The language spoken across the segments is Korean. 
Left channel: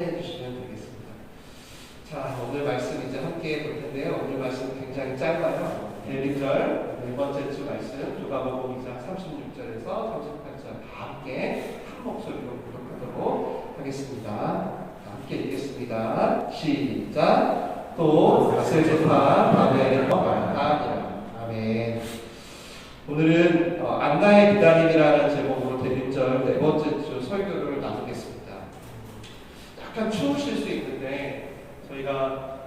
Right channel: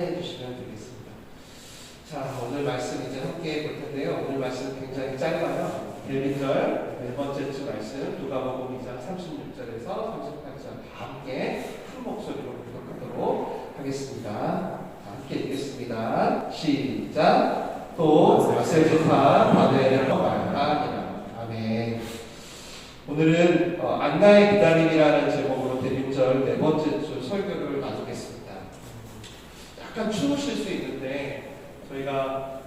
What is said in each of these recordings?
해주시면 되겠습니다. 자, 오늘 말씀 이제 함께 볼 텐데요. 오늘 말씀 굉장히 짧아요. 1, 2절, 네 번째 주 말씀, 누가복음 2장 36절에서 38절 다 함께 한 목소리로 교독하도록 하겠습니다. 함께 읽겠습니다. 시작. 또 가설제파 바벨에 가니라. 아멘. 오늘은 안나의 기다림이라는 제목으로 대림절 네 번째 주 설교를 나누겠습니다. 약간 추우실 수 있는데 저희가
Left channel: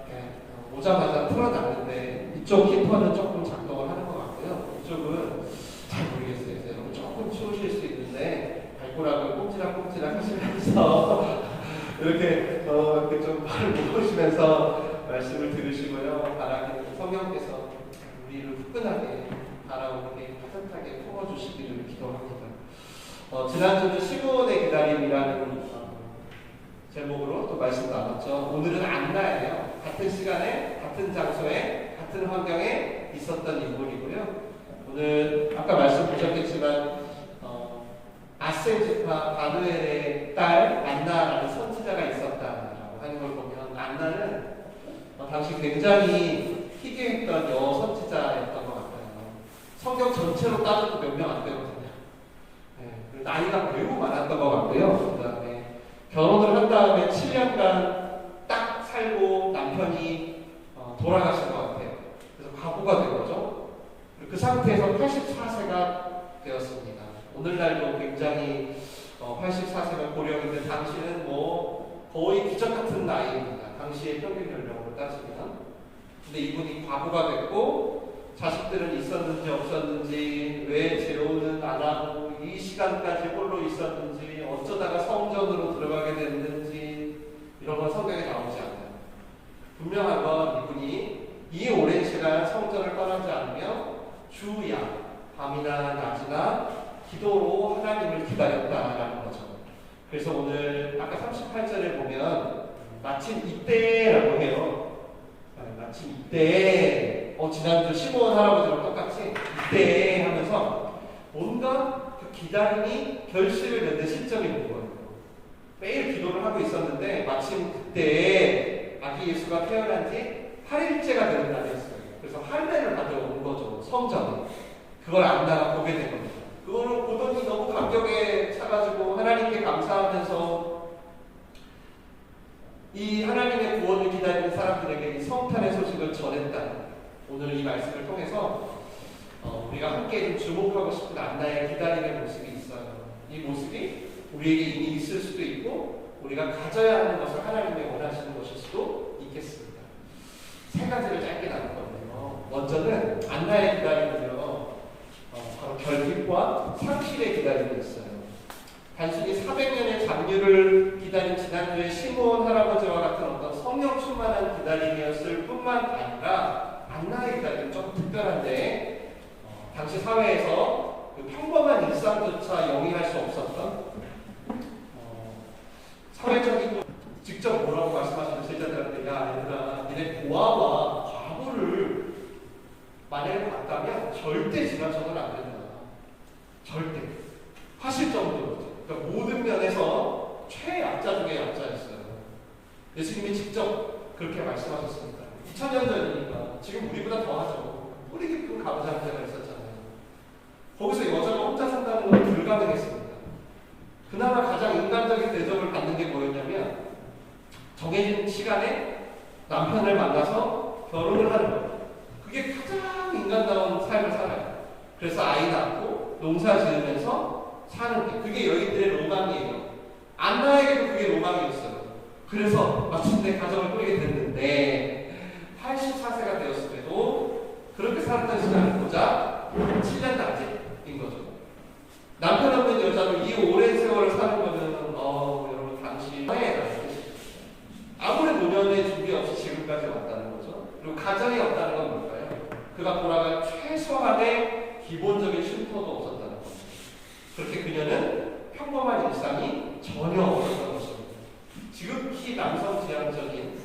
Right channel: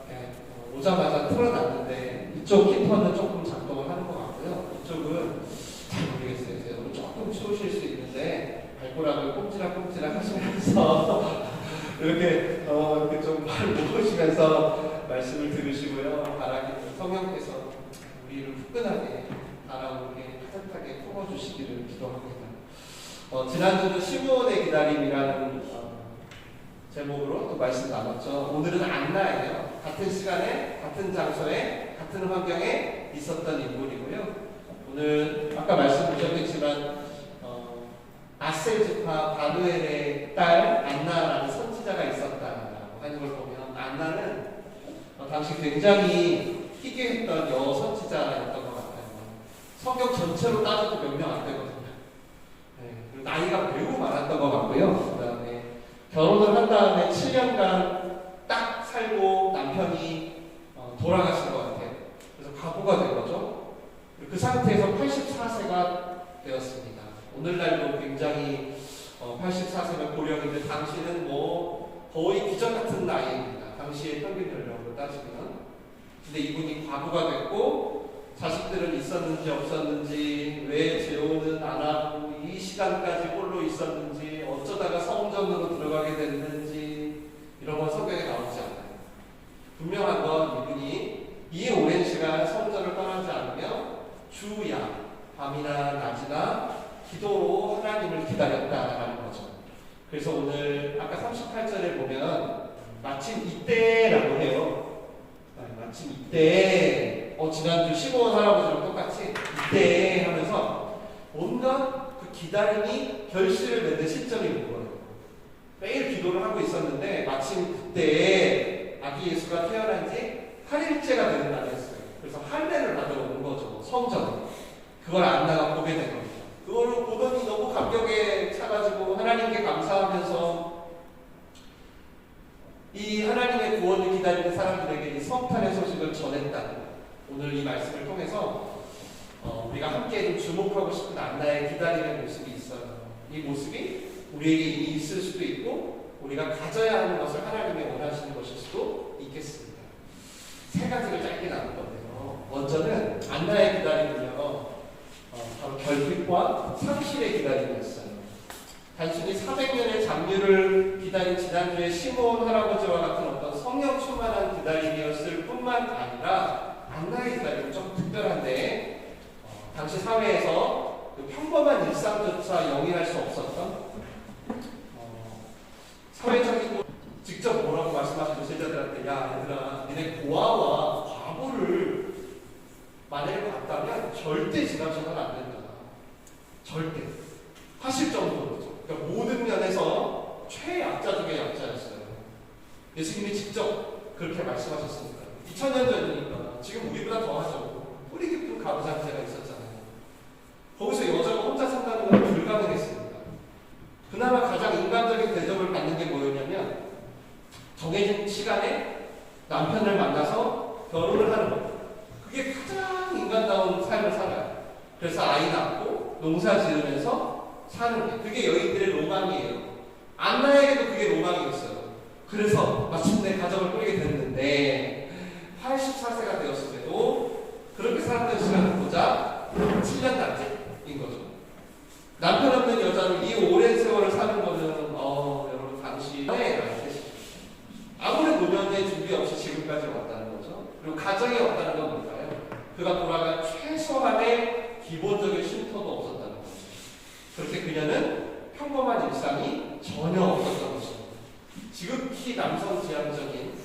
오자마자 틀어놨는데 이쪽 히터는 조금 작동을 하는 것 같고요. 이쪽은 잘 모르겠어요. 여러분 조금 추우실 수 있는데 발가락을 꼼지락꼼지락 하시면서 이렇게 좀 발을 모으시면서 말씀을 들으시고요. 바라기는 성령께서 우리를 후끈하게 달아오르게 따뜻하게 품어주시기를 기도합니다. 지난주는 시므온의 기다림이라는 제목으로 또 말씀 나눴죠. 오늘은 안나예요. 같은 시간에, 같은 장소에, 같은 환경에 있었던 인물이고요. 오늘 아까 말씀 보셨겠지만 아셀 지파 바누엘의 딸 안나라는 선지자가 있었다라고 하는 걸 보면 안나는 당시 굉장히 희귀했던 여선지자였던 것 같아요. 성경 전체로 따져도 몇 명 안 되거든요. 네, 나이가 매우 많았던 것 같고요. 그 다음에 결혼을 한 다음에 7년간 딱 살고 남편이 돌아가신 것 같아요. 그래서 과부가 된 거죠. 그 상태에서 84세가 되었습니다. 오늘날도 굉장히 84세가 고령인데 당시는 뭐 거의 기적 같은 나이입니다. 당시의 평균 연령으로 따지면. 근데 이분이 과부가 됐고 자식들은 있었는지 없었는지, 왜 재혼은 안 하고 이 시간까지 홀로 있었는지, 어쩌다가 성전으로 들어가게 됐는지 이런 건 성경에 나오지 않아요. 분명한 건 이분이 이 오랜 시간 성전을 떠나지 않으며 주야 밤이나 낮이나 기도로 하나님을 기다렸다라는 거죠. 그래서 오늘 아까 38절에 보면 마침 이때라고 해요. 마침 이때 지난주 시므온 할아버지랑 똑같이 이때 하면서 온갖 그 기다림이 결실을 맺는 시점이 온 거예요. 매일 기도를 하고 있었는데 마침 그때 아기 예수가 태어난 지 8일째가 되는 날이었어요. 그래서 할례를 받아온 거죠. 성전. 그걸 안나가 보게 된 겁니다. 그거를 보더니 너무 감격에 차가지고 하나님께 감사하면서 이 하나님의 구원을 기다리는 사람들에게 이 성탄의 소식을 전했다. 오늘 이 말씀을 통해서 우리가 함께 좀 주목하고 싶은 안나의 기다림의 모습이 있어요. 이 모습이 우리에게 이미 있을 수도 있고 우리가 가져야 하는 것을 하나님이 원하시는 것일 수도 있겠습니다. 세 가지를 짧게 나눌 건데요. 먼저는 안나의 기다림은요, 바로 결핍과 상실의 기다림이었어요. 단순히 400년의 잡류를 기다린 지난주의 시므온 할아버지와 같은 어떤 성령 충만한 기다림이었을 뿐만 아니라 안나의 기다림은 조금 특별한데 당시 사회에서 그 평범한 일상조차 영위할 수 없었던 사회적이고 직접 뭐라고 말씀하시는 제자들한테 야 얘들아 니네 고아와 과부를 만약에 봤다면 절대 지나쳐서는 안 된다. 절대 하실 정도로죠. 그러니까 모든 면에서 최약자 중에 약자였어요. 예수님이 직접 그렇게 말씀하셨으니까 2000년 전이니까 지금 우리보다 더 하죠. 뿌리 깊은 가부장제가 있었잖아요. 거기서 여자가 혼자 산다는 건 불가능했습니다. 그나마 가장 인간적인 대접을 받는 게 뭐였냐면 정해진 시간에 남편을 만나서 결혼을 하는 거예요. 그게 가장 인간다운 삶을 살아요. 그래서 아이 낳고 농사 지으면서 사는 게 그게 여인들의 로망이에요. 안나에게도 그게 로망이었어요. 그래서 마침내 가정을 꾸리게 됐는데 84세가 되었을 때도 그렇게 살았던 시간을 보자 7년 단계인 거죠. 남편 없는 여자로 이 오랜 세월을 사는 거는 여러분 당시에 아무런 노년의 준비 없이 지금까지 왔다는 거죠. 그리고 가정이 없다는 건 뭘까요? 그가 돌아갈 최소한의 기본적인 쉼터도 없었다는 거죠. 그렇게 그녀는 평범한 일상이 전혀 없었던 것입니다. 지극히 남성 지향적인,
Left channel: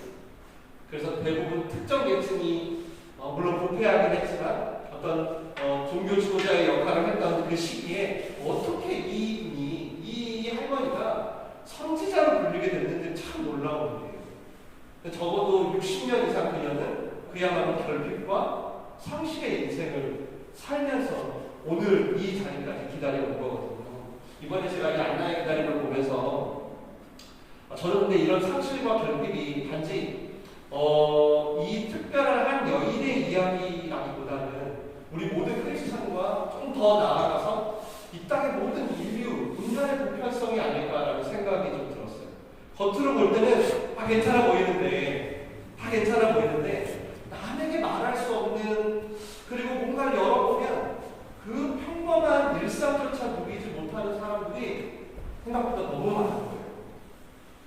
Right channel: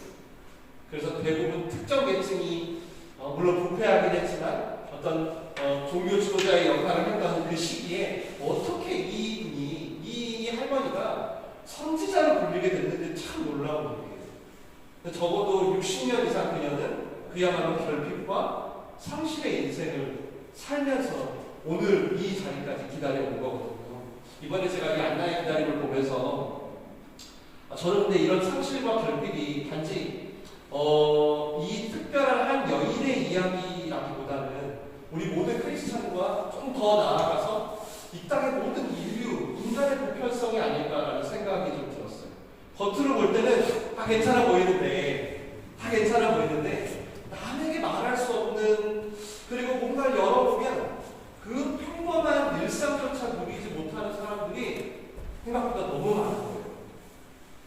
그래서 대부분 특정 계층이 물론 부패하긴 했지만 어떤 종교 지도자의 역할을 했던 그 시기에 어떻게 이 할머니가 선지자로 불리게 됐는데 참 놀라운 일이에요. 적어도 60년 이상 그녀는 그야말로 결핍과 상실의 인생을 살면서 오늘 이 자리까지 기다려온 거거든요. 이번에 제가 이 안나의 기다림을 보면서 저는 근데 이런 상실과 결핍이 단지 이 특별한 한 여인의 이야기라기보다는 우리 모든 크리스천과 좀 더 나아가서 이 땅의 모든 인류, 인간의 보편성이 아닐까라는 생각이 좀 들었어요. 겉으로 볼 때는 다 괜찮아 보이는데 남에게 말할 수 없는, 그리고 뭔가를 열어보면 그 평범한 일상조차 누리지 못하는 사람들이 생각보다 너무 많은 거예요.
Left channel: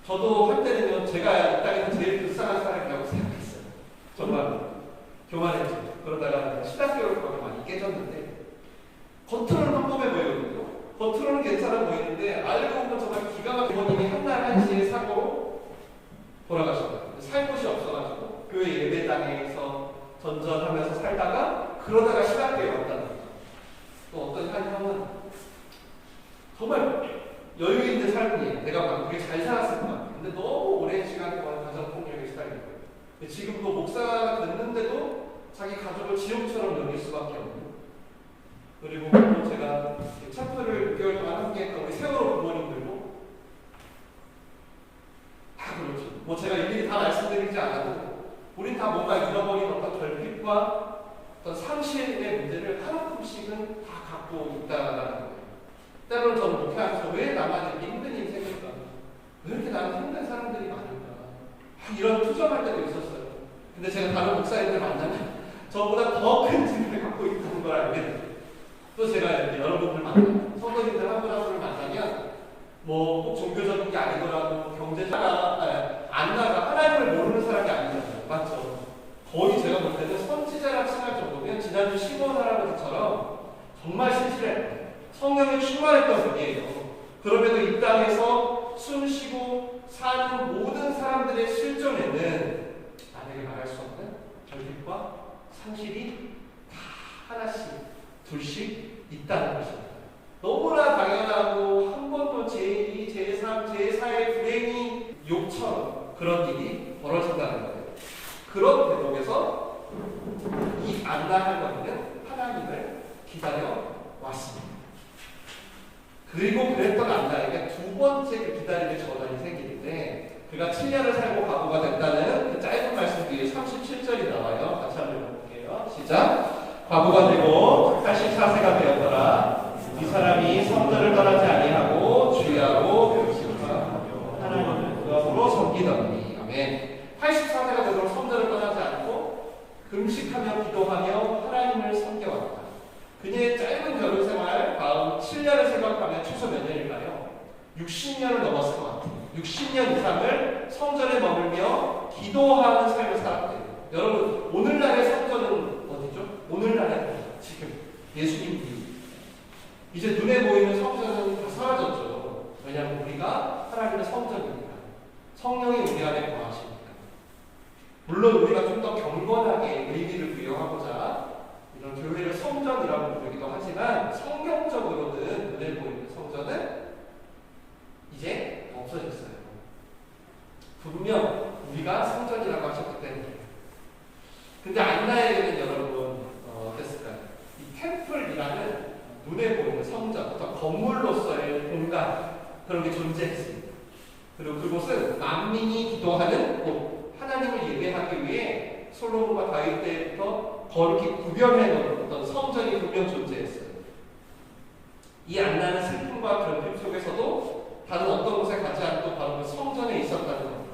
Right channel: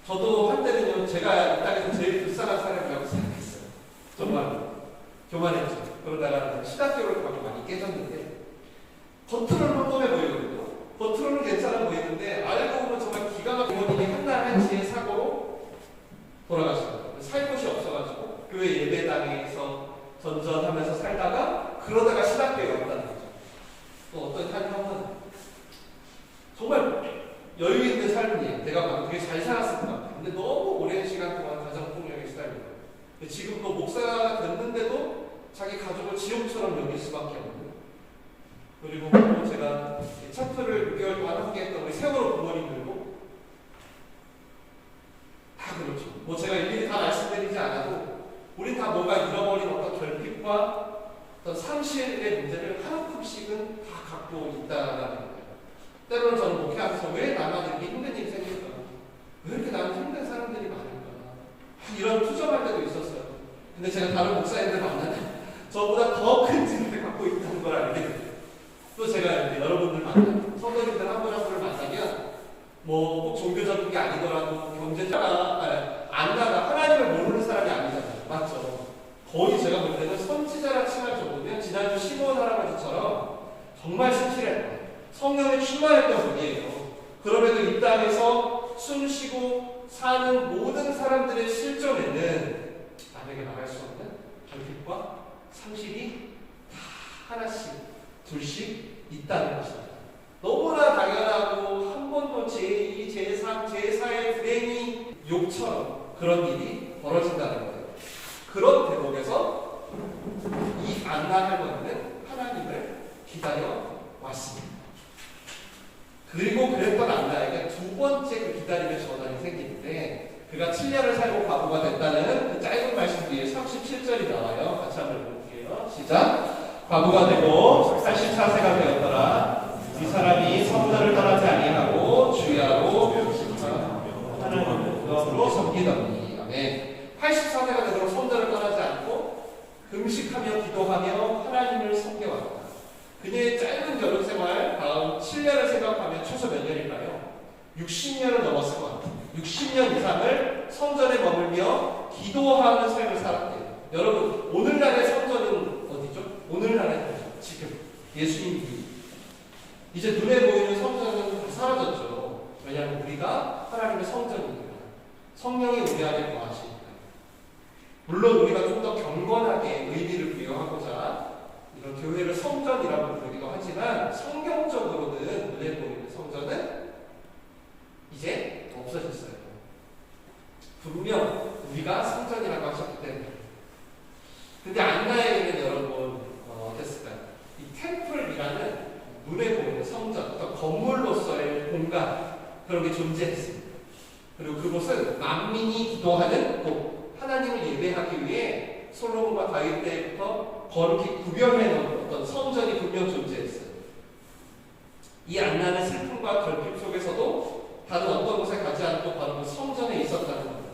저도 한때는요, 제가 이 땅에서 제일 불쌍한 사람이라고 생각했어요. 정말 교만했죠. 그러다가 신학교를 가고 많이 깨졌는데, 겉으로는 평범해 보이거든요. 겉으로는 괜찮아 보이는데 알고 보면 정말 기가 막힌 부모님이 한날 한시의 사고로 돌아가셨어요. 살 곳이 없어가지고 교회 예배당에서 전전하면서 살다가 그러다가 신학교에 왔다는 거죠. 또 어떤 한 형은 정말 여유 있는 삶이에요. 내가 봐도 되게 잘 살았을 것 같아요. 근데 너무 오랜 시간 동안 가정폭력에 시달린 거예요. 지금도 목사가 됐는데도 자기 가족을 지옥처럼 여길 수밖에 없는. 그리고 또 제가 차트를 6개월 동안 함께 했던 우리 세월호 부모님들도 다 그렇죠. 뭐 제가 일일이 다 말씀드리지 않아도 우린 다 뭔가 잃어버린 어떤 결핍과 어떤 상실의 문제를 하나씩은 다 갖고 있다라는 거예요. 때로는 저는 목회하면서 왜 나만 이렇게 힘든 인생일까? 왜 이렇게 나는 힘든 사람들이 많은가? 이런 투정할 때도 있었어요. 근데 제가 다른 목사님들 만나면 저보다 더 큰 짐을 갖고 있다는 걸 알게 돼요. 또 제가 여러분들 만나면, 성도님들 한 분 한 분을 만나면 뭐 꼭 종교적인 게 아니더라도 경제자가 안나가 하나님을 모르는 사람이 아니잖아요. 맞죠? 거의 제가 볼 때는 선지자라 칭할 정도면 지난주 시몬 할아버지처럼 정말 신실했던 성령에 충만했던 분이에요. 그럼에도 이 땅에서 숨쉬고 사는 모든 사람들의 실존에는 남에게 말할 수 없는 결핍과 상실이 다 하나씩 둘씩 있다는 것입니다. 너무나 당연하고 한 번도 제2, 제3, 제4의 불행이 욕처럼 그런 일이 벌어진다는 거예요. 그런 대목에서 이 안나 할머니는 하나님을 기다려 왔습니다. 그리고 그랬던 안나에게 두 번째 그 기다림의 전환이 생기는데, 그가 7년을 살고 과부가 됐다는 그 짧은 말씀 뒤에 37절이 나와요. 같이 한번 볼게요. 시작. 과부가 되고 84세가 되었더라. 이 사람이 성전을 떠나지 아니하고 주야로 하나님을 그것으로 섬기더니. 아멘. 84세가 되도록 성전을 떠나지 않고 금식하며 기도하며 하나님을 섬겨왔다. 그녀의 짧은 결혼 생활 다음 7년을 생각하면 최소 몇 년일까요? 60년을 넘었을 것 같아요. 60년 이상을 성전에 머물며 기도하는 삶을 살았대요. 여러분, 오늘날의 성전은 어디죠? 오늘날의 지금 예수님 뒤. 이제 눈에 보이는 성전은 다 사라졌죠. 왜냐하면 우리가 하나님의 성전이니까. 성령이 우리 안에 거하시니까. 물론 우리가 좀 더 경건하게 의미를 부여하고자 이런 교회를 성전이라고 부르기도 하지만, 성경적으로는 눈에 보이는 성전은 이제 없어졌어요. 분명 우리가 성전이라고 하셨기 때문에. 근데 안나에게는 여러분 어땠을까요? 이 템플이라는 눈에 보이는 성전, 어떤 건물로서의 공간, 그런 게 존재했습니다. 그리고 그곳은 만민이 기도하는 곳, 하나님을 예배하기 위해 솔로몬과 다윗 때부터 거룩히 구별해 놓은 어떤 성전이 분명 존재했어요. 이 안나는 슬픔과 결핍 속에서도 다른 어떤 곳에 가지 않고 바로 그 성전에 있었다는 겁니다.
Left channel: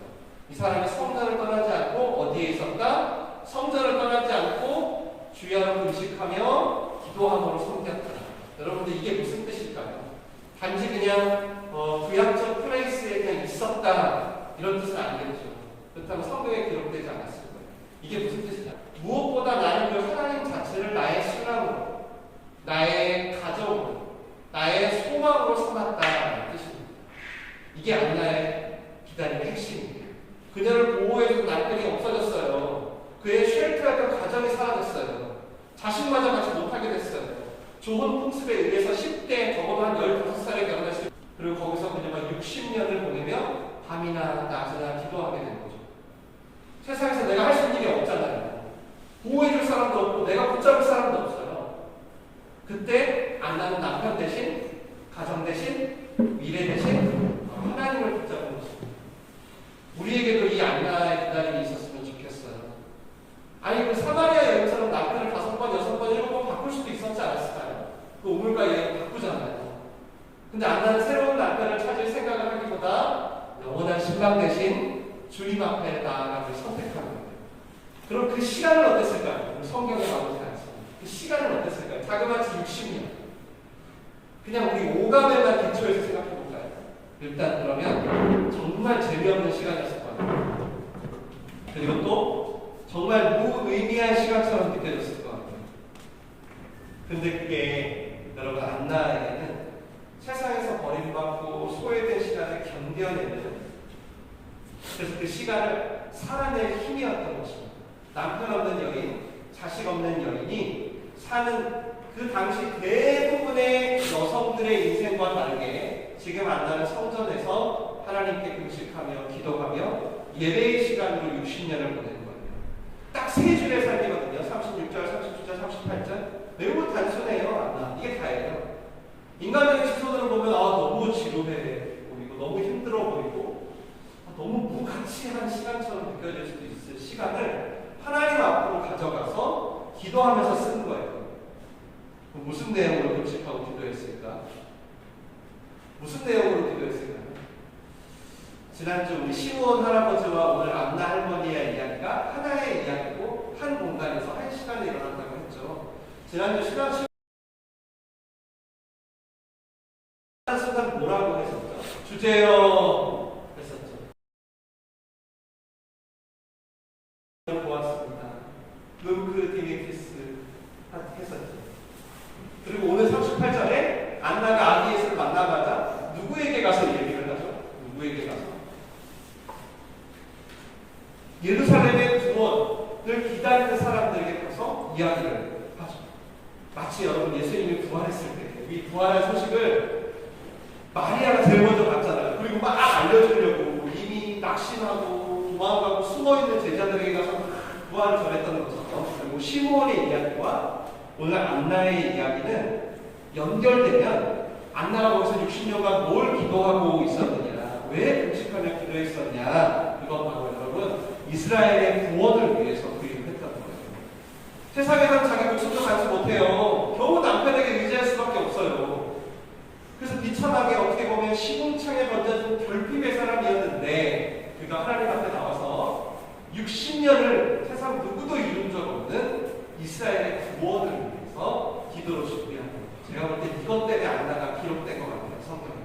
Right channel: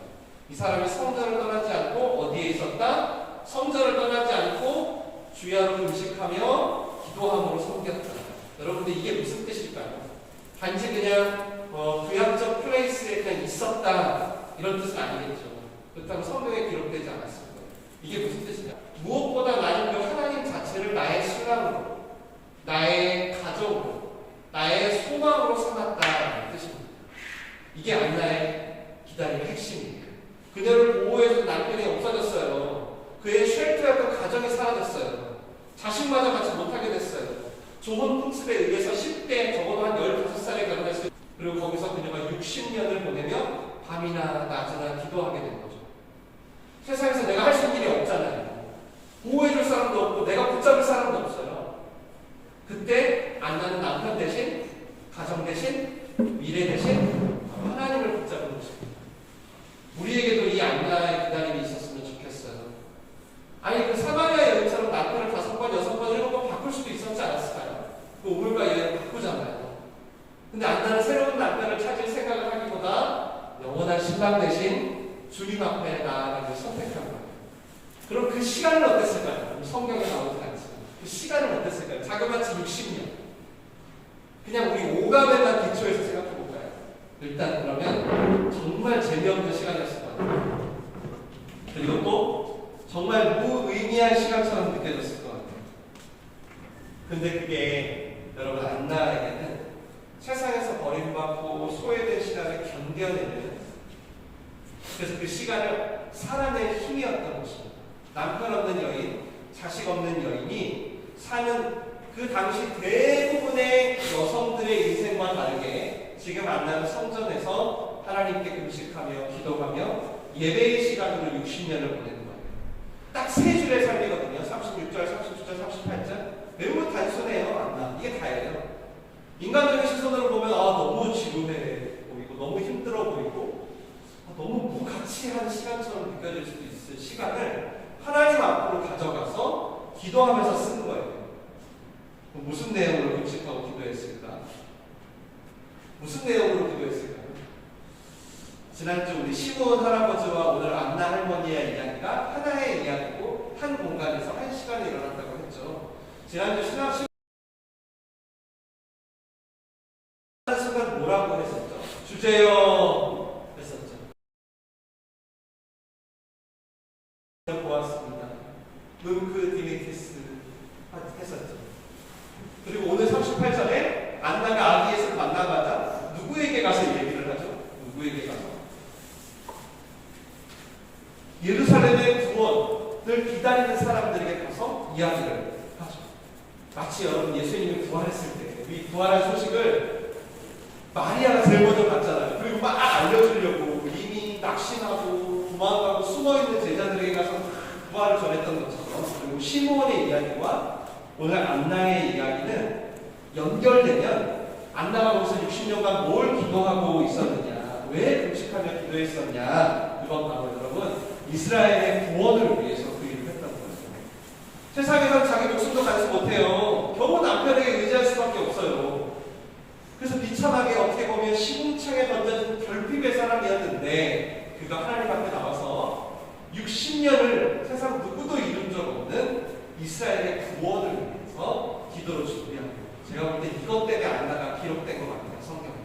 이 사람이 성전을 떠나지 않고 어디에 있었다? 성전을 떠나지 않고 주야로 금식하며 기도함으로 섬겼다. 여러분들 이게 무슨 뜻일까요? 단지 그냥 구약적 플레이스에 그냥 있었다 이런 뜻은 아니겠죠. 그렇다면 성경에 기록되지 않았을 거예요. 이게 무슨 뜻이냐? 무엇보다 나는 그 하나님 자체를 나의 신앙으로, 나의 가족으로, 나의 소망으로 삼았다는 뜻입니다. 이게 안나의 기다림의 핵심이에요. 그녀를 보호해준 남편이 없어졌어요. 그의 쉘터였던 가정이 사라졌어요. 자식마저 같이 못하게 됐어요. 좋은 풍습에 의해서 10대, 적어도 한 15살에 결혼했을 때 그리고 거기서 그녀가 60년을 보내며 밤이나 낮이나 기도하게 된 거죠. 세상에서 내가 할 수 있는 일이 없잖아요. 보호해줄 사람도 없고 내가 붙잡을 사람도 없어요. 그때 안나는 남편 대신, 가정 대신, 미래 대신 하나님을 붙잡은 것입니다. 우리에게도 이 안나의 기다림이 있었으면 좋겠어요. 아니 그 사마리아 여인처럼 남편을 5번, 6번, 7번 바꿀 수도 있었지 않았을까요? 그 우물과 여인 바꾸잖아요. 근데 안나는 새로운 남편을 찾을 생각을 하기보다 영원한 신랑 대신 주님 앞에 나아가는 선택한 거예요. 그럼 그 시간은 어땠을까요? 성경에 나오지 않습니다. 그 시간은 어땠을까요? 자그마치 60년. 그냥 우리 오감에만 기초해서 생각해 볼까요? 일단 그러면 정말 재미없는 시간이었을 거예요. 그리고 또 정말 무의미한 시간처럼 느껴졌을 것 같아요. 근데 그게 여러분 안나에게는 세상에서 버림받고 소외된 시간을 견뎌내는, 그래서 그 시간을 살아낼 힘이었던 것입니다. 남편 없는 여인, 자식 없는 여인이 사는 그 당시 대부분의 여성들의 인생과 다르게 지금 안나는 성전에서 하나님께 금식하며 기도하며 예배의 시간으로 60년을 보내는 거예요. 딱 3줄의 삶이거든요. 36절, 37절, 38절. 매우 단순해요. 안나. 이게 다예요. 인간적인 시선으로 보면 너무 지루해 보이고 너무 힘들어 보이고 너무 무가치한 시간처럼 느껴질 수도 있을 시간을 하나님 앞으로 가져가서 기도하면서 쓰는 거예요. 무슨 내용으로 금식하고 기도했을까? 무슨 내용으로 기도했을까요? 지난주 우리 시므온 할아버지와 오늘 안나 할머니의 이야기가 하나의 이야기고 한 공간에서 한 시간에 일어났다고 했죠. 지난주 신앙 순간 뭐라고 했었죠? 주제요 했었죠. 보았습니다. 눈크 디미티스 했었죠. 그리고 오늘 38절에 안나가 아기 예수를 만나가자 누구에게 가서 얘기를 하죠? 누구에게 가서? 예루살렘의 구원을 기다리는 사람들에게 가서 이야기를 하죠. 마치 여러분 예수님이 부활했을 때 이 부활한 소식을 마리아가 제일 먼저 봤잖아요. 그리고 막 알려주려고 이미 낙심하고 도망가고 숨어있는 제자들에게 가서 부활을 전했던 것처럼, 그리고 시므온의 이야기와 오늘 안나의 이야기는 연결되면 안나가 거기서 60년간 뭘 기도하고 있었느냐, 왜 금식하며 기도했었냐, 이건 바로 여러분 이스라엘의 구원을 위해서 그 일을 했다는 거예요. 세상에선 자기 목숨도 간수 못해요. 겨우 남편에게 의지할 수밖에 없어요. 그래서 비참하게 어떻게 보면 시궁창에 던져진 결핍의 사람이었는데 그가 하나님 앞에 나와서 60년을 세상 누구도 이룬 적 없는 이스라엘의 구원을 위해서 기도로 준비합니다. 제가 볼 때 이것 때문에 안나가 기록된 것 같아요. 성경에.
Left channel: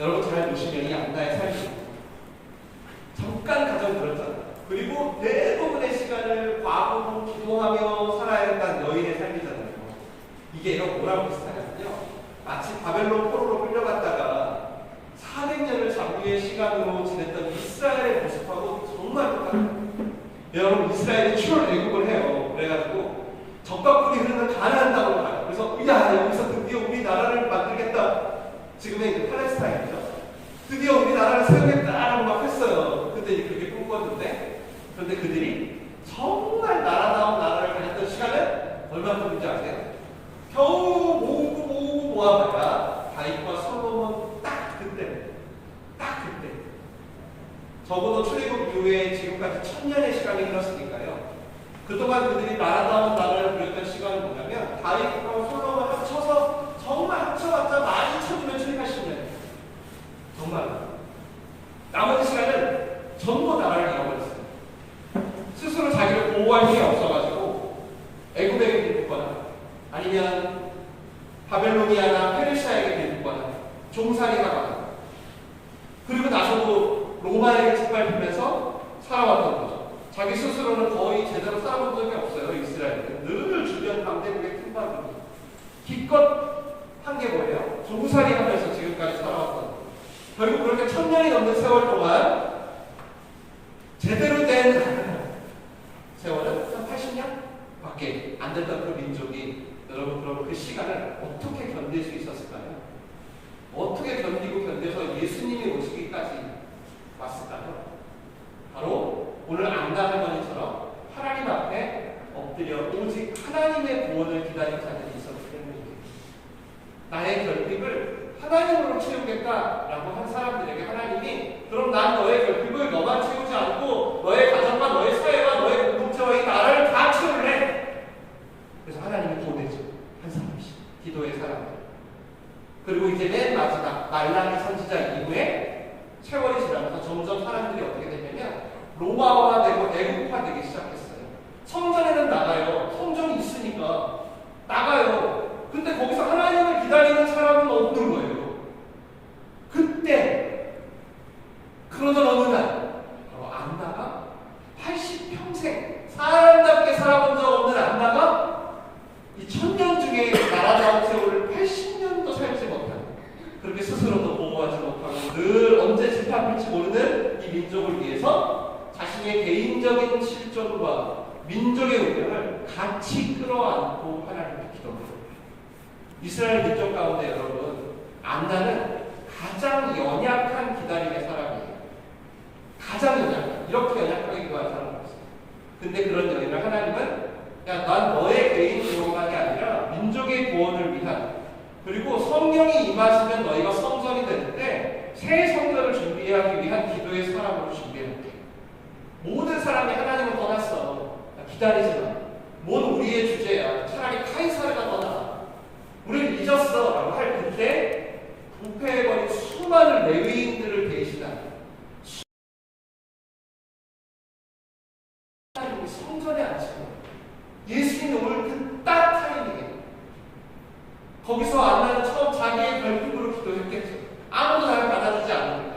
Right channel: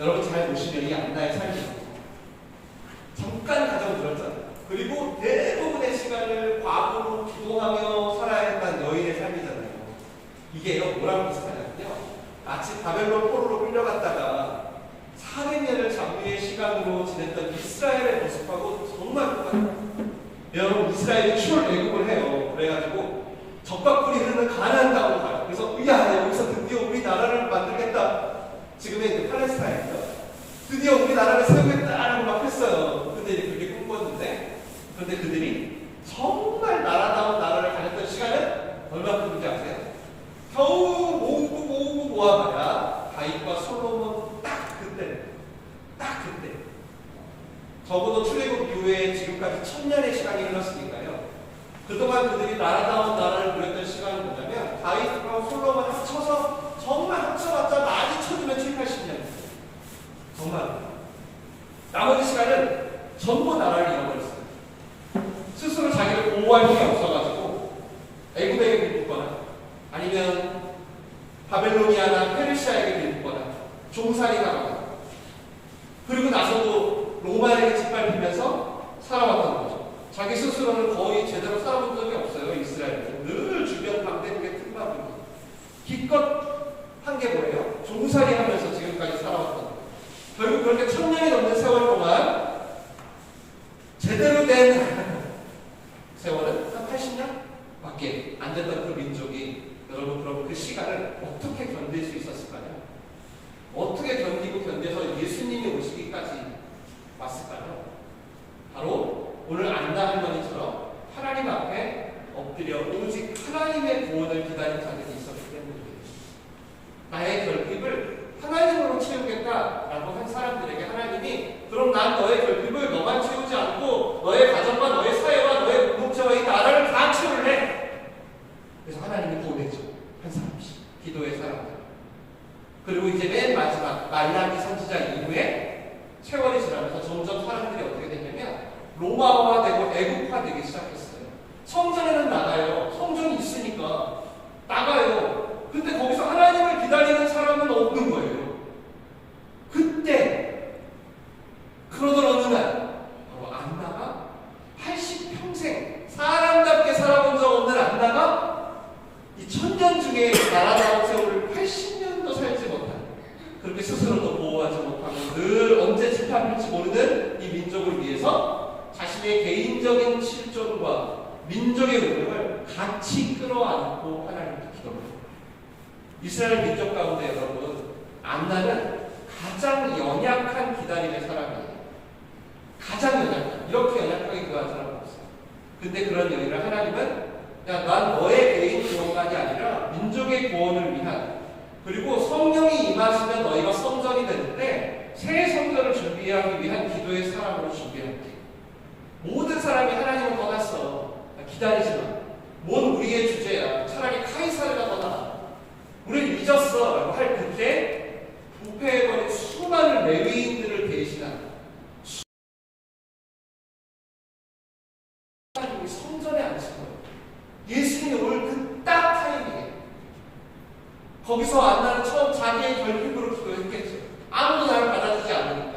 여러분 잘 보시면 이 안나의 삶입니다. 잠깐 가정 들었잖아요. 그리고 대부분의 시간을 과거로 기도하며 살아야 했다는 여인의 삶이잖아요. 이게 이런 뭐라고 비슷하냐면요. 마치 바벨론 포로로 끌려갔다가 400년을 장유의 시간으로 지냈던 이스라엘의 모습하고 정말 똑같아요. 여러분 이스라엘이 출월 외국을 해요. 그래가지고 적과 꿀이 흐르는 가나안 땅으로 가요. 그래서 야 여기서 드디어 우리 나라를 만들겠다. 지금의 이제 팔레스타인이죠. 드디어 우리 나라를 세우겠다라고 막 했어요. 근데 이제 그게 꿈꿨는데, 그런데 그들이 정말 나라다운 나라를 가졌던 시간은 얼마큼인지 아세요? 겨우 모으고 모아봐야 다윗과 솔로몬 딱 그때. 적어도 출애굽 이후에 지금까지 1000년의 시간이 흘렀으니까요. 그동안 그들이 나라다운 나라를 누렸던 시간은 뭐냐면 다윗과 솔로몬 합쳐서 정말 합쳐봤자 많이 쳐주면 7, 80년. 정말. 나머지 시간은 전부 나라를 잃어버렸어요. 스스로 자기를 보호할 힘이 없어가지고 애굽에게 빌붙거나 아니면 바벨로니아나 페르시아에게 빌붙거나 종살이 하거나, 그리고 나서도 로마에게 짓밟히면서 살아왔던 거죠. 자기 스스로는 거의 제대로 살아본 적이 없어요. 이스라엘은 늘 주변 강대국의 틈바구니. 기껏 한 게 뭐예요? 종살이 하면서 지금까지 살아왔던 거예요. 결국 그렇게 1000년이 넘는 세월 동안 제대로 된 세월은 한 80년 밖에 안 됐던 그 민족이, 여러분 그럼 그 시간을 어떻게 견딜 수 있었을까요? 어떻게 견딜 안나 할머니처럼 하나님 앞에 엎드려 오직 하나님의 구원을 기다린 자들이 있었기 때문입니다. 나의 결핍을 하나님으로 채우겠다라고 한 사람들에게 하나님이 그럼 난 너의 결핍을 너만 채우지 않고 너의 가정과 너의 사회와 너의 공동체와 이 나라를 다 채울래. 그래서 하나님이 보내죠. 한 사람씩 기도의 사람들. 그리고 이제 맨 마지막 말라기 선지자 이후에 세월이 지나면서 점점 사람들이 어떻게 되냐면 로마화되고 애국화되기 시작했어요. 성전에는 나가요. 성전이 있으니까 나가요. 근데 거기서 하나님을 기다리는 사람은 없는 거예요. 그때 그러던 어느 날 바로 안나가 80평생 사람답게 살아본 적 없는 안나가 이 1000년 중에 나라다운 세월을 80년도 살지 못한, 그렇게 스스로도 보호하지 못하고 늘 언제 집합할지 모르는 이 민족을 위해서 자신의 개인적인 실존과 민족의 운명을 같이 끌어안고 하나님께 기도합니다. 이스라엘 민족 가운데 여러분, 안나는 가장 연약한 기다림의 사람이에요. 가장 연약한, 이렇게 연약하게 기도한 사람은 없어요. 근데 그런 여인을 하나님은 야, 난 너의 개인 구원만이 아니라 민족의 구원을 위한, 그리고 성령이 임하시면 너희가 성전이 되는데 새 성전을 준비하기 위한 기도의 사람으로 준비할게. 모든 사람이 하나님을 떠났어. 기다리지 마. 뭔 우리의 주제야. 차라리 카이사르가 더 나아. 우리는 잊었어. 라고 할 그때 부패해버린 수많은 레위인들을 대신한 하나님이 성전에 앉힌 거예요. 예수님이 오늘 그 딱 타이밍에 거기서 안나는 처음 자기의 결핍으로 기도했겠죠. 아무도 나를 받아주지 않으니까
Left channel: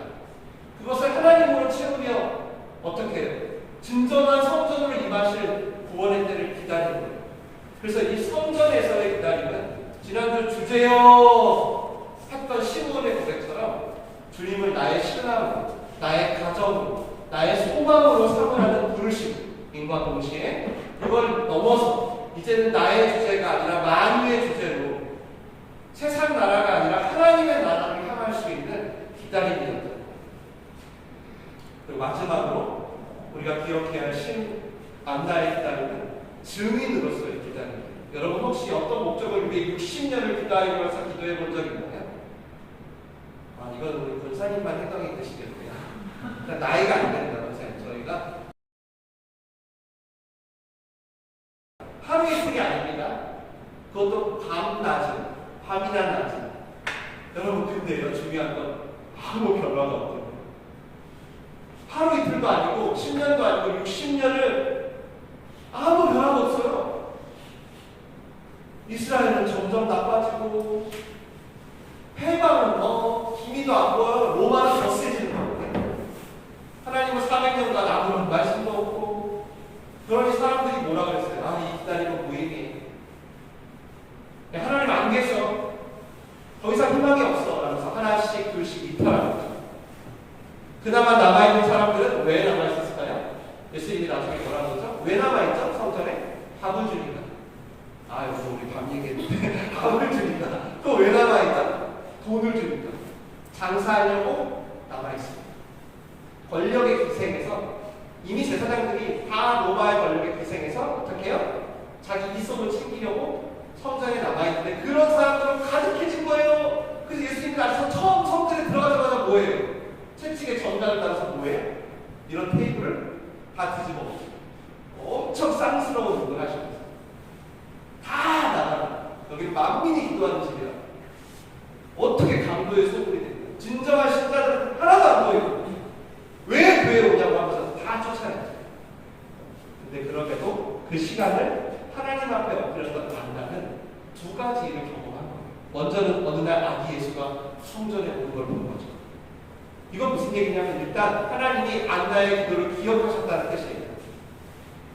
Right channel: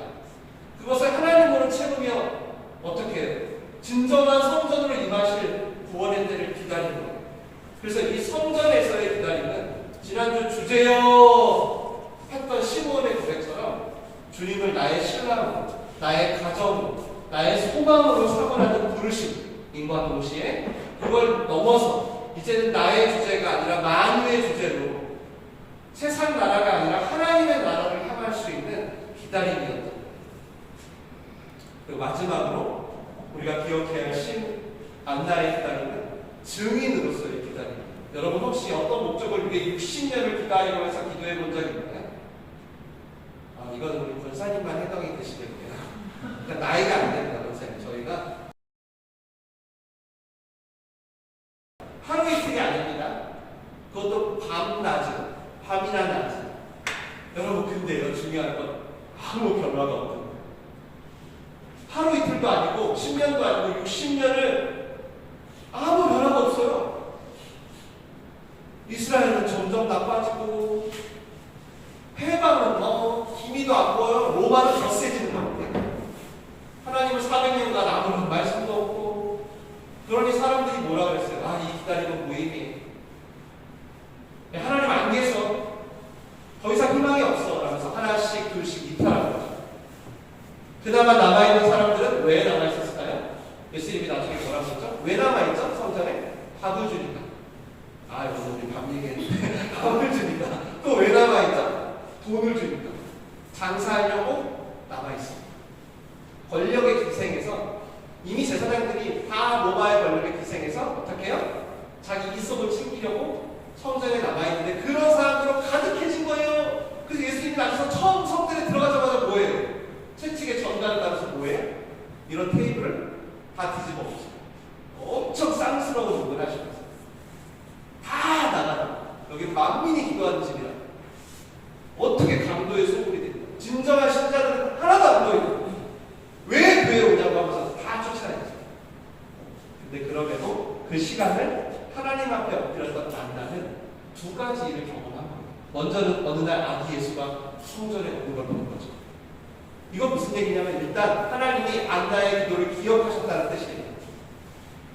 그것을 하나님으로 채우며 어떻게 진정한 성전으로 임하실 구원의 때를 기다리는 거예요. 그래서 이 성전에서의 기다림은 지난주 주제여 했던 시므온의 고백처럼 주님을 나의 신랑으로, 나의 가정으로, 나의 소망으로 삼으라는 부르심과 동시에 그걸 넘어서 이제는 나의 주제가 아니라 만유의 주제로 세상 나라가 아니라 하나님의 나라를 향할 수 있는 기다림이었던 거예요. 그리고 마지막으로 우리가 기억해야 할 안나의 기다림은 증인으로서의 기다림입니다. 여러분 혹시 어떤 목적을 위해 60년을 기다리면서 기도해 본 적 있나요? 아, 이건 우리 권사님만 해당이 되시겠네요. 그러니까 나이가 안 됩니다, 권사님. 저희가 하루 이틀이 아닙니다. 그것도 밤낮은, 밤이나 낮은. 여러분 근데요, 중요한 건 아무 변화가 없는 거예요. 하루 이틀도 아니고 10년도 아니고 60년을 아무 변화가 없어요. 이스라엘은 점점 나빠지고 해방은 기미도 안 보여요. 로마는 더 세지는 거예요. 하나님을 400년간 아무런 말씀도 없고, 그러니 사람들이 뭐라 그랬어요? 아, 이 기다림은 무의미. 하나님 안 계셔. 더 이상 희망이 없어. 라면서 하나씩 둘씩 이탈하는 거죠. 그나마 남아있는 사람들은 왜 남아있었을까요? 예수님이 나중에 뭐라고 하죠? 왜 남아있죠? 성전에? 밥을 주니까. 아, 여기서 우리 밥 얘기했는데 밥을 주니까. 그거 왜 남아있죠? 돈을 주니까. 장사하려고 남아있습니다. 권력의 기생에서 이미 제사장들이 다 로마의 권력의 기생에서 어떻게 해요? 자기 이속을 챙기려고 성전에 남아있는데 그런 사람들은 가득해진 거예요. 그래서 예수님이 나서서 처음 성전에 들어가자마자 뭐예요? 채찍에 전단을 달아서 뭐예요? 이런 테이블을 다 뒤집어 엎으시고 엄청 쌍스러운 일을 하시면서 다 나가라. 여기 만민이 기도하는 집이라. 어떻게 강도의 소굴이 됩니까? 진정한 신자들은 하나도 안 보이고 왜 교회에 오냐고 하면서 다 쫓아내죠. 근데 그럼에도 그 시간을 하나님 앞에 엎드렸던 안나는 두 가지 일을 경험한 거예요. 먼저는 어느 날 아기 예수가 성전에 오는 걸 본 거죠. 이건 무슨 얘기냐면 일단 하나님이 안나의 기도를 기억하셨다는 뜻이에요.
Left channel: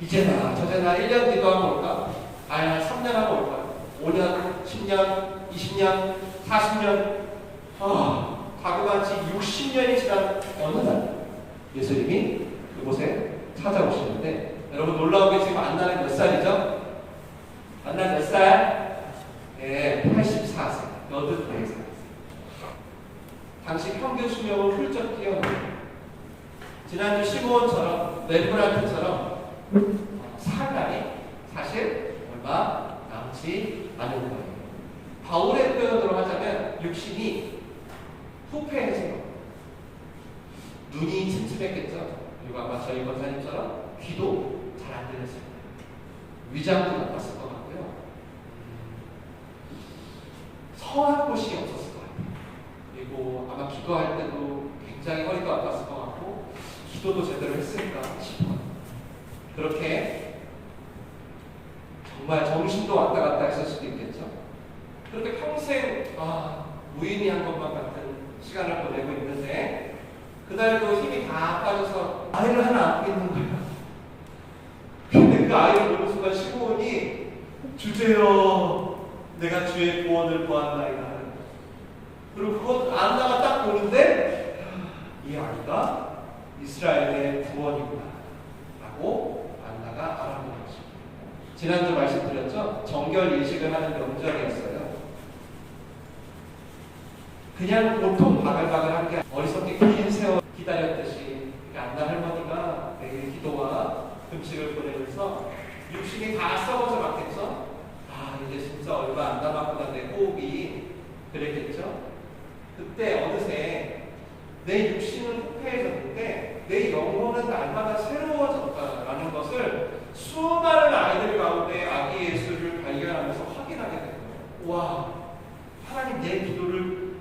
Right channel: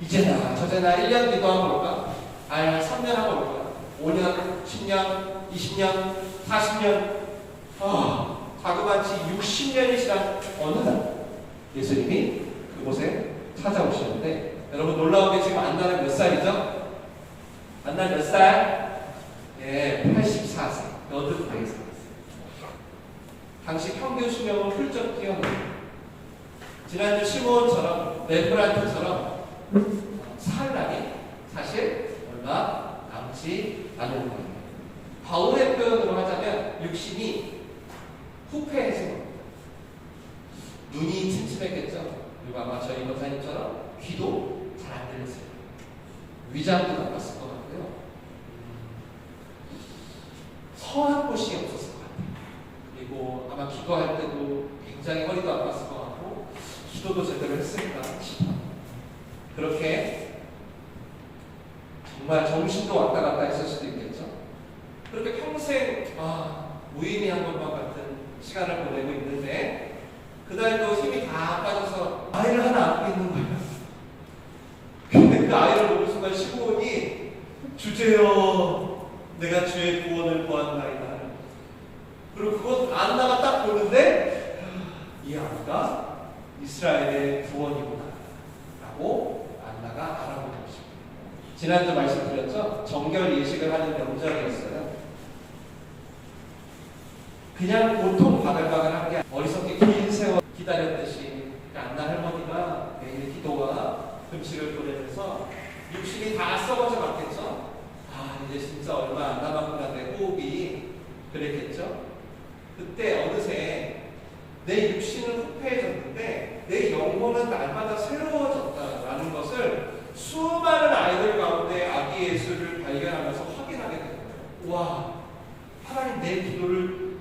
이제나 저제나 1년 뒤도 하고 올까? 아니 3년 하고 올까? 5년, 10년, 20년, 40년 자그마치 60년이 지난 어느 날 예수님이 그곳에 찾아오시는데 여러분 놀라운 게 지금 안나는 몇 살이죠? 안나 몇 살? 예, 84세. 너도 84세. 당시 평균 수명은 훌쩍 뛰어넘어요. 지난주 시므온처럼 렘브란트처럼 살 날이 사실 얼마 남지 않은 거예요. 바울의 표현으로 하자면 육신이 후패해진 겁니다. 눈이 침침했겠죠. 그리고 아마 저희 권사님처럼 귀도 잘 안 들렸을 거예요. 위장도 나빴을 것 같고요. 성한 곳이 없었을 것 같아요. 그리고 아마 기도할 때도 굉장히 허리도 아팠을 것 같고 기도도 제대로 했을까 싶어요. 그렇게 정말 정신도 왔다 갔다 했을 수도 있겠죠. 그렇게 평생 무의미한 것만 같은 시간을 보내고 있는데 그날도 힘이 다 빠져서 아이를 하나 안고 있는 거예요. 근데 그 아이를 보는 순간 시므온이 주제여 내가 주의 구원을 보았나이다. 그리고 그것 안나가 딱 보는데 이 아이가 이스라엘의 구원이구나 라고 안나가 알아본 것입니다. 지난주 말씀드렸죠? 정결 예식을 하는 명절이었어요. 그냥 보통 바글바글한 게 어리석게 긴 세월 기다렸듯이 안나 할머니가 매일 기도와 금식을 보내면서 육신이 다 썩어져 갔겠죠? 이제 진짜 얼마 안 남았구나 내 호흡이 그랬겠죠? 그때 어느새 내 육신은 후패해졌는데 내 영혼은 날마다 새로워졌다라는 것을 수많은 아이들 가운데 아기 예수를 발견하면서 확인하게 된 거예요. 와, 하나님 내 기도를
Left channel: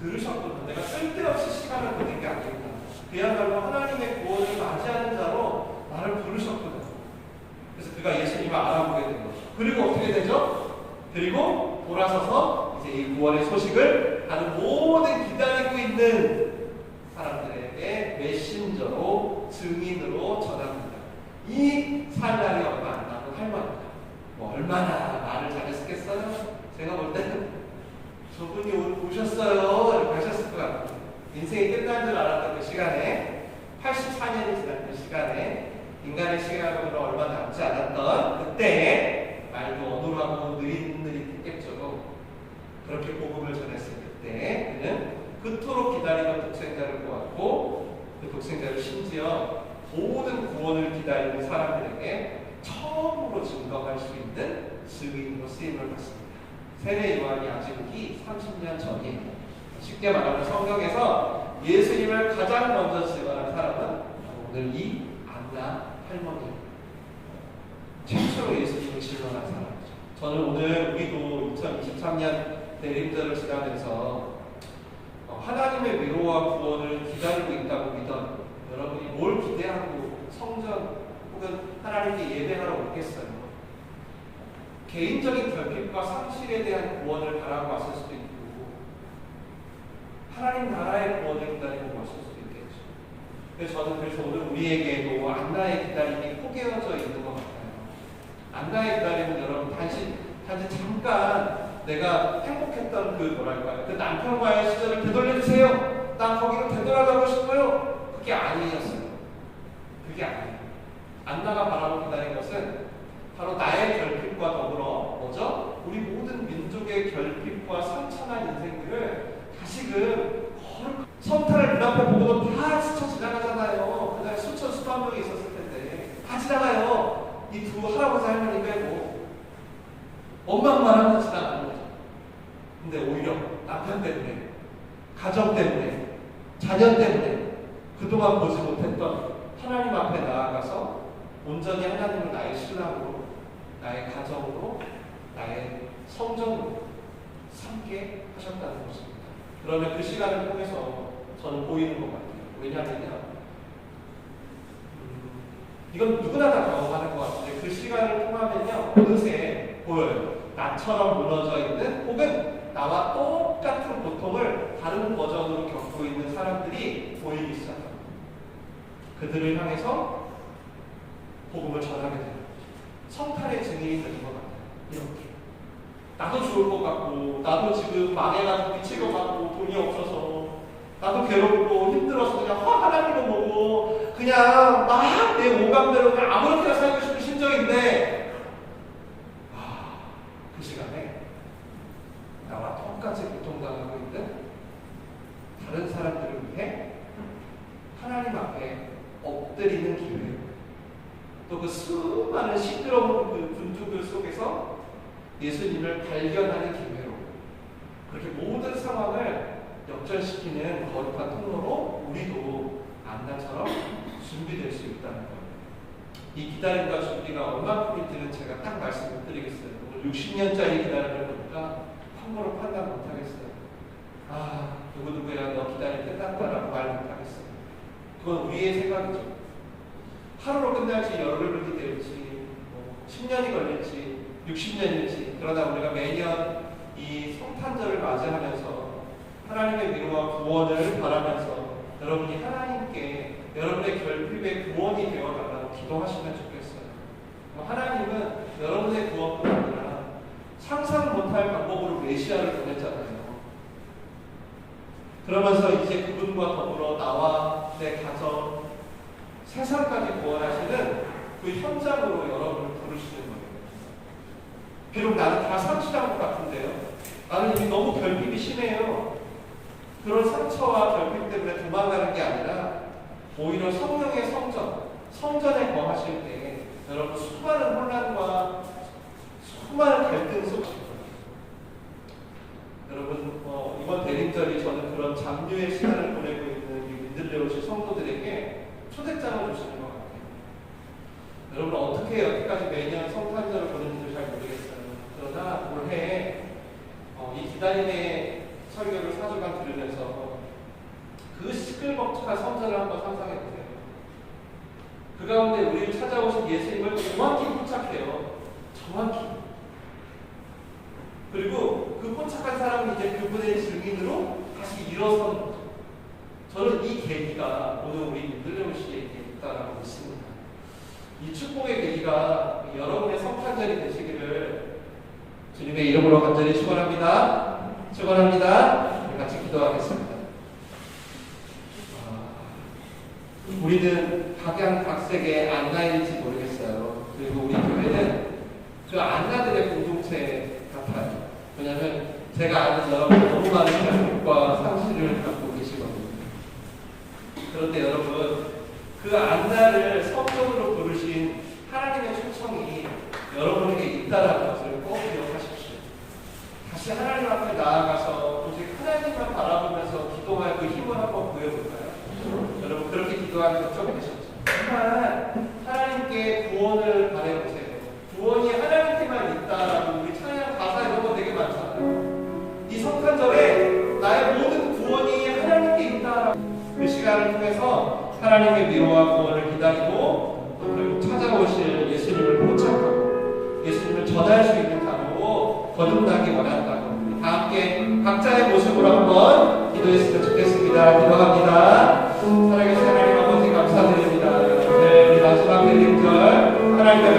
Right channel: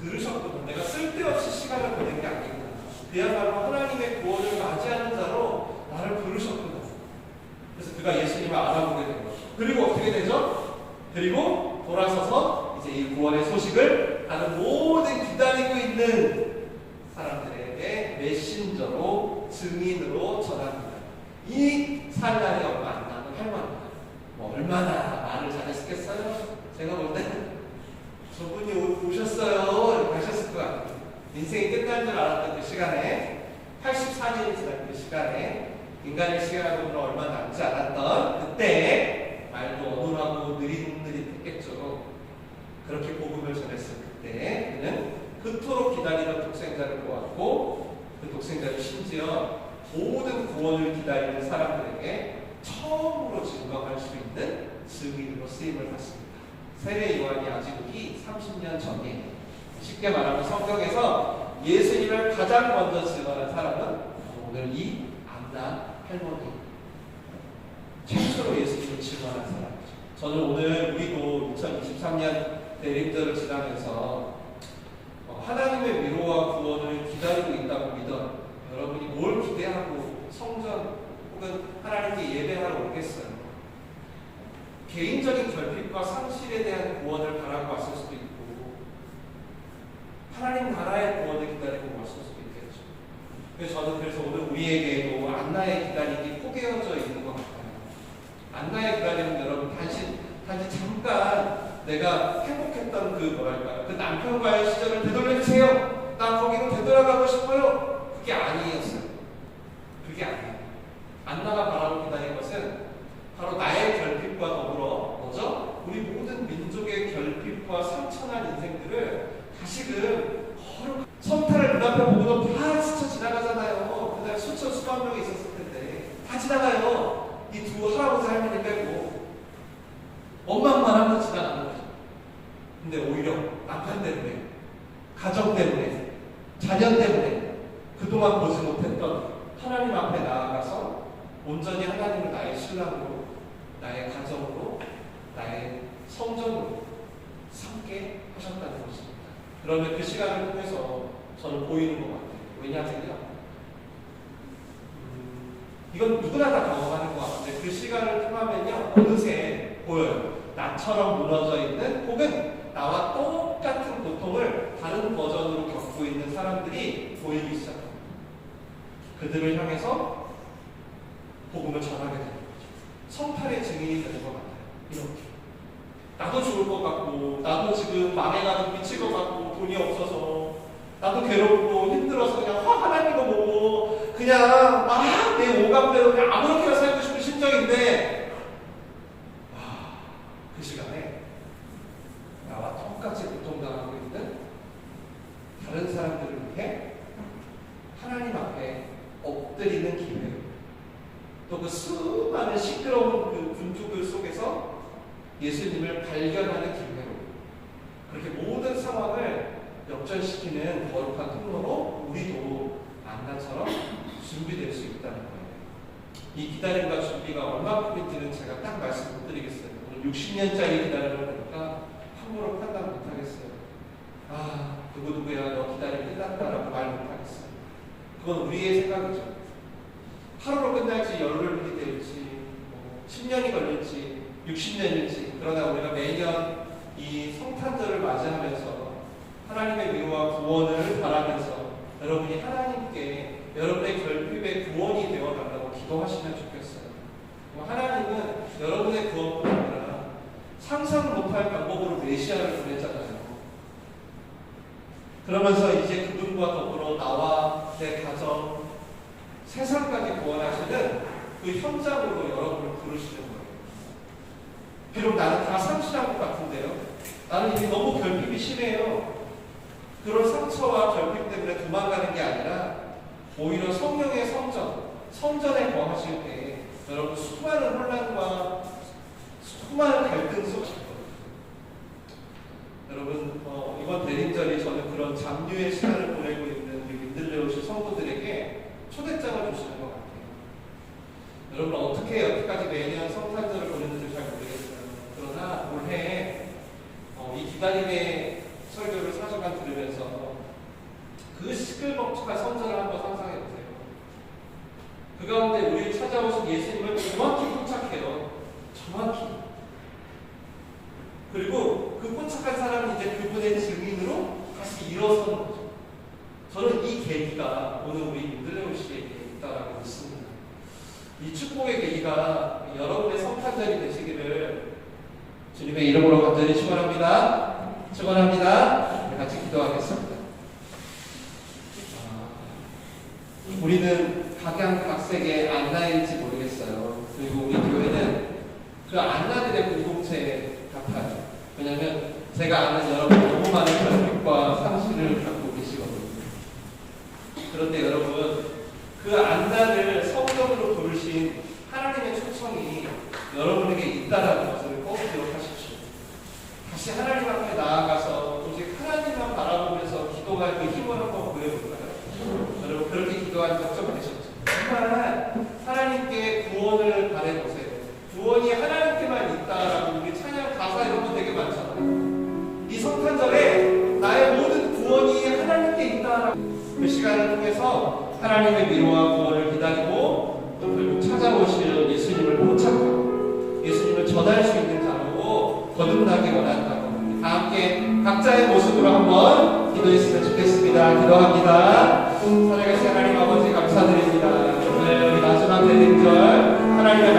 들으셨구나. 내가 쓸데없이 시간을 보낸 게 아니구나. 그야말로 하나님의 구원을 맞이하는 자로 나를 부르셨구나. 그래서 그가 예수님을 알아보게 된 거죠. 그리고 어떻게 되죠? 그리고 돌아서서 이제 이 구원의 소식을 다른 모든 기다리고 있는 사람들에게 메신저로 증인으로 전합니다. 이 살날이 얼마 안 남은 할머니가 뭐 얼마나 말을 잘했겠어요? 제가 볼 때는 저분이 오셨어요 이렇게 하셨을 것 같아요. 인생이 끝난 줄 알았던 그 시간에 84년이 지난 그 시간에 인간의 시간으로 얼마 남지 않았던 그때 말도 어눌하고 느릿느릿했겠죠. 그렇게 복음을 전했을 그때 그는 그토록 기다리던 독생자를 보았고 그 독생자를 심지어 모든 구원을 기다리는 사람들에게 처음으로 증거할 수 있는 증인으로 쓰임을 받습니다. 세례 요한이 아직 후기 30년 전이에요. 쉽게 말하면 성경에서 예수님을 가장 먼저 증언한 사람은 오늘 이 안나 할머니 최초로 예수님을 증언한 사람이죠. 저는 오늘 우리도 2023년 대림절을 지나면서 하나님의 위로와 구원을 기다리고 있다고 믿어요. 여러분이 뭘 기대하고 성전 혹은 하나님께 예배하러 오겠어요? 개인적인 결핍과 상실에 대한 구원을 바라고 왔을 수도 있고 하나님 나라의 구원을 기다리고 왔을 수도 있겠죠. 그래서 저는 오늘 우리에게도 안나의 기다림이 포개어져 있는 것 같아요. 안나의 기다림은 여러분 단지 잠깐 내가 행복했던 그 남편과의 시절을 되돌려주세요. 나 거기로 되돌아가고 싶어요. 그게 아니었어요. 그게 아니에요. 안나가 바라고 기다린 것은 바로 나의 결핍과 더불어 뭐죠? 우리 모든 민족의 결핍과 상처난 인생들을 다시금 성탄을 눈앞에 보고도 다 스쳐 지나가잖아요. 그날 수천 수만 명이 있었을 텐데 다 지나가요. 이 두 할아버지 할머니 빼고 엄마만 하면서 지나가는 거죠. 근데 오히려 남편 때문에 가정 때문에 자녀 때문에 그동안 보지 못했던 하나님 앞에 나아가서 온전히 하나님을 나의 신랑으로 나의 가정으로 나의 성전으로 삼게 하셨다는 것입니다. 그러면 그 시간을 통해서 저는 보이는 것 같아요. 왜냐하면 이건 누구나 다 경험하는 것 같은데 그 시간을 통하면요 어느새 보여요. 나처럼 무너져 있는 혹은 나와 똑같은 고통을 다른 버전으로 겪고 있는 사람들이 보이기 시작합니다. 그들을 향해서 복음을 전하게 되는 거죠. 성탄의 증인이 되는 것 같아요. 이렇게 나도 죽을 것 같고 나도 지금 망해가지고 미칠 것 같고 돈이 없어서 나도 괴롭고 힘들어서 그냥 하나님을 보고 그냥 막 내 오감대로 그냥 아무렇게나 살고 싶은 심정인데 그 시간에 나와 똑같이 고통당하고 있는 다른 사람들을 위해 하나님 앞에 있는 기회, 또 그 수많은 시끄러운 그 군주들 속에서 예수님을 발견하는 기회로, 그렇게 모든 상황을 역전시키는 거룩한 통로로 우리도 안나처럼 준비될 수 있다는 거예요. 이 기다림과 준비가 얼마큼인지는 제가 딱 말씀 못 드리겠어요. 오늘 60년짜리 기다림을 보니까 함부로 판단 못 하겠어요. 아, 누구누구야 너 기다림 끝났다라고 말 못 하겠어요. 그건 우리의 생각이죠. 하루로 끝날지 열흘이 될지 10년이 걸릴지 60년일지, 그러나 우리가 매년 이 성탄절을 맞이하면서 하나님의 위로와 구원을 바라면서 여러분이 하나님께 여러분의 결핍의 구원이 되어달라고 기도하시면 좋겠어요. 하나님은 여러분의 구원뿐 아니라 상상 못할 방법으로 메시아를 보내잖아요. 그러면서 이제 그분과 더불어 나와 내 가정, 세상까지 구원하시는 그 현장으로 여러분을 부르시는 거예요. 비록 나는 다 상실한 것 같은데요, 나는 이미 너무 결핍이 심해요. 그런 상처와 결핍 때문에 도망가는 게 아니라 오히려 성령의 성전에 거하실 때 여러분 수많은 혼란과 수많은 갈등 속에 여러분 이번 대림절이 저는 그런 잠류의 시간을 보내고 있는 우리 민들레오시 성도들에게 초대장을 주시는 것 같아요. 여러분 어떻게 여기까지 매년 성탄절을 보내는지 잘 모르겠어요. 그러나 올해 이 기다림의 설교를 4주간 들으면서 그 시끌벅적한 성전을 한번 상상해보세요. 그 가운데 우리를 찾아오신 예수님을 정확히 포착해요. 정확히. 그리고 그 포착한 사람은 이제 그분의 증인으로 다시 일어서는 거죠. 저는 이 계기가 오늘 우리 민들레오시에게 있다라고 믿습니다. 이 축복의 계기가 여러분의 성탄절이 되시기를 주님의 이름으로 간절히 축원합니다. 축원합니다. 우리 같이 기도하겠습니다. 우리는 각양각색의 안나일지 모르겠어요. 그리고 우리 교회는 그 안나들의 공동체 같아요. 왜냐하면 제가 아는 여러분 너무 많은 결핍과 상실을 갖고 계시거든요. 그런데 여러분 그 안나를 성경으로 부르신 하나님의 초청이 여러분에게 있다라는 것을 꼭 기억하십시오. 다시 하나님 앞에 나아가서 오직 하나님만 바라보면서 기도할 그 힘을 한번 보여볼까요? 여러분 그렇게 기도한 적 좀 되셨죠? 정말 하나님께 구원을 바라보세요. 구원이 하나님께만 있다라고 우리 찬양 가사 이런 거 되게 많잖아요. 이 성탄절에 나의 모든 구원이 하나님께 있다라고 그 시간을 통해서 하나님의 위로와 구원을 기다리고 또 결국 찾아오실 예수님을 포착하고 예수님을 전할 수 있는 자로 거듭나기 원한다고 우리 다 함께 각자의 모습으로 한번 기도했으면 좋겠습니다. 기도합니다. 살아계신 하나님 아버지 감사드립니다. 오늘 우리 마지막 대림절 하나님의 말씀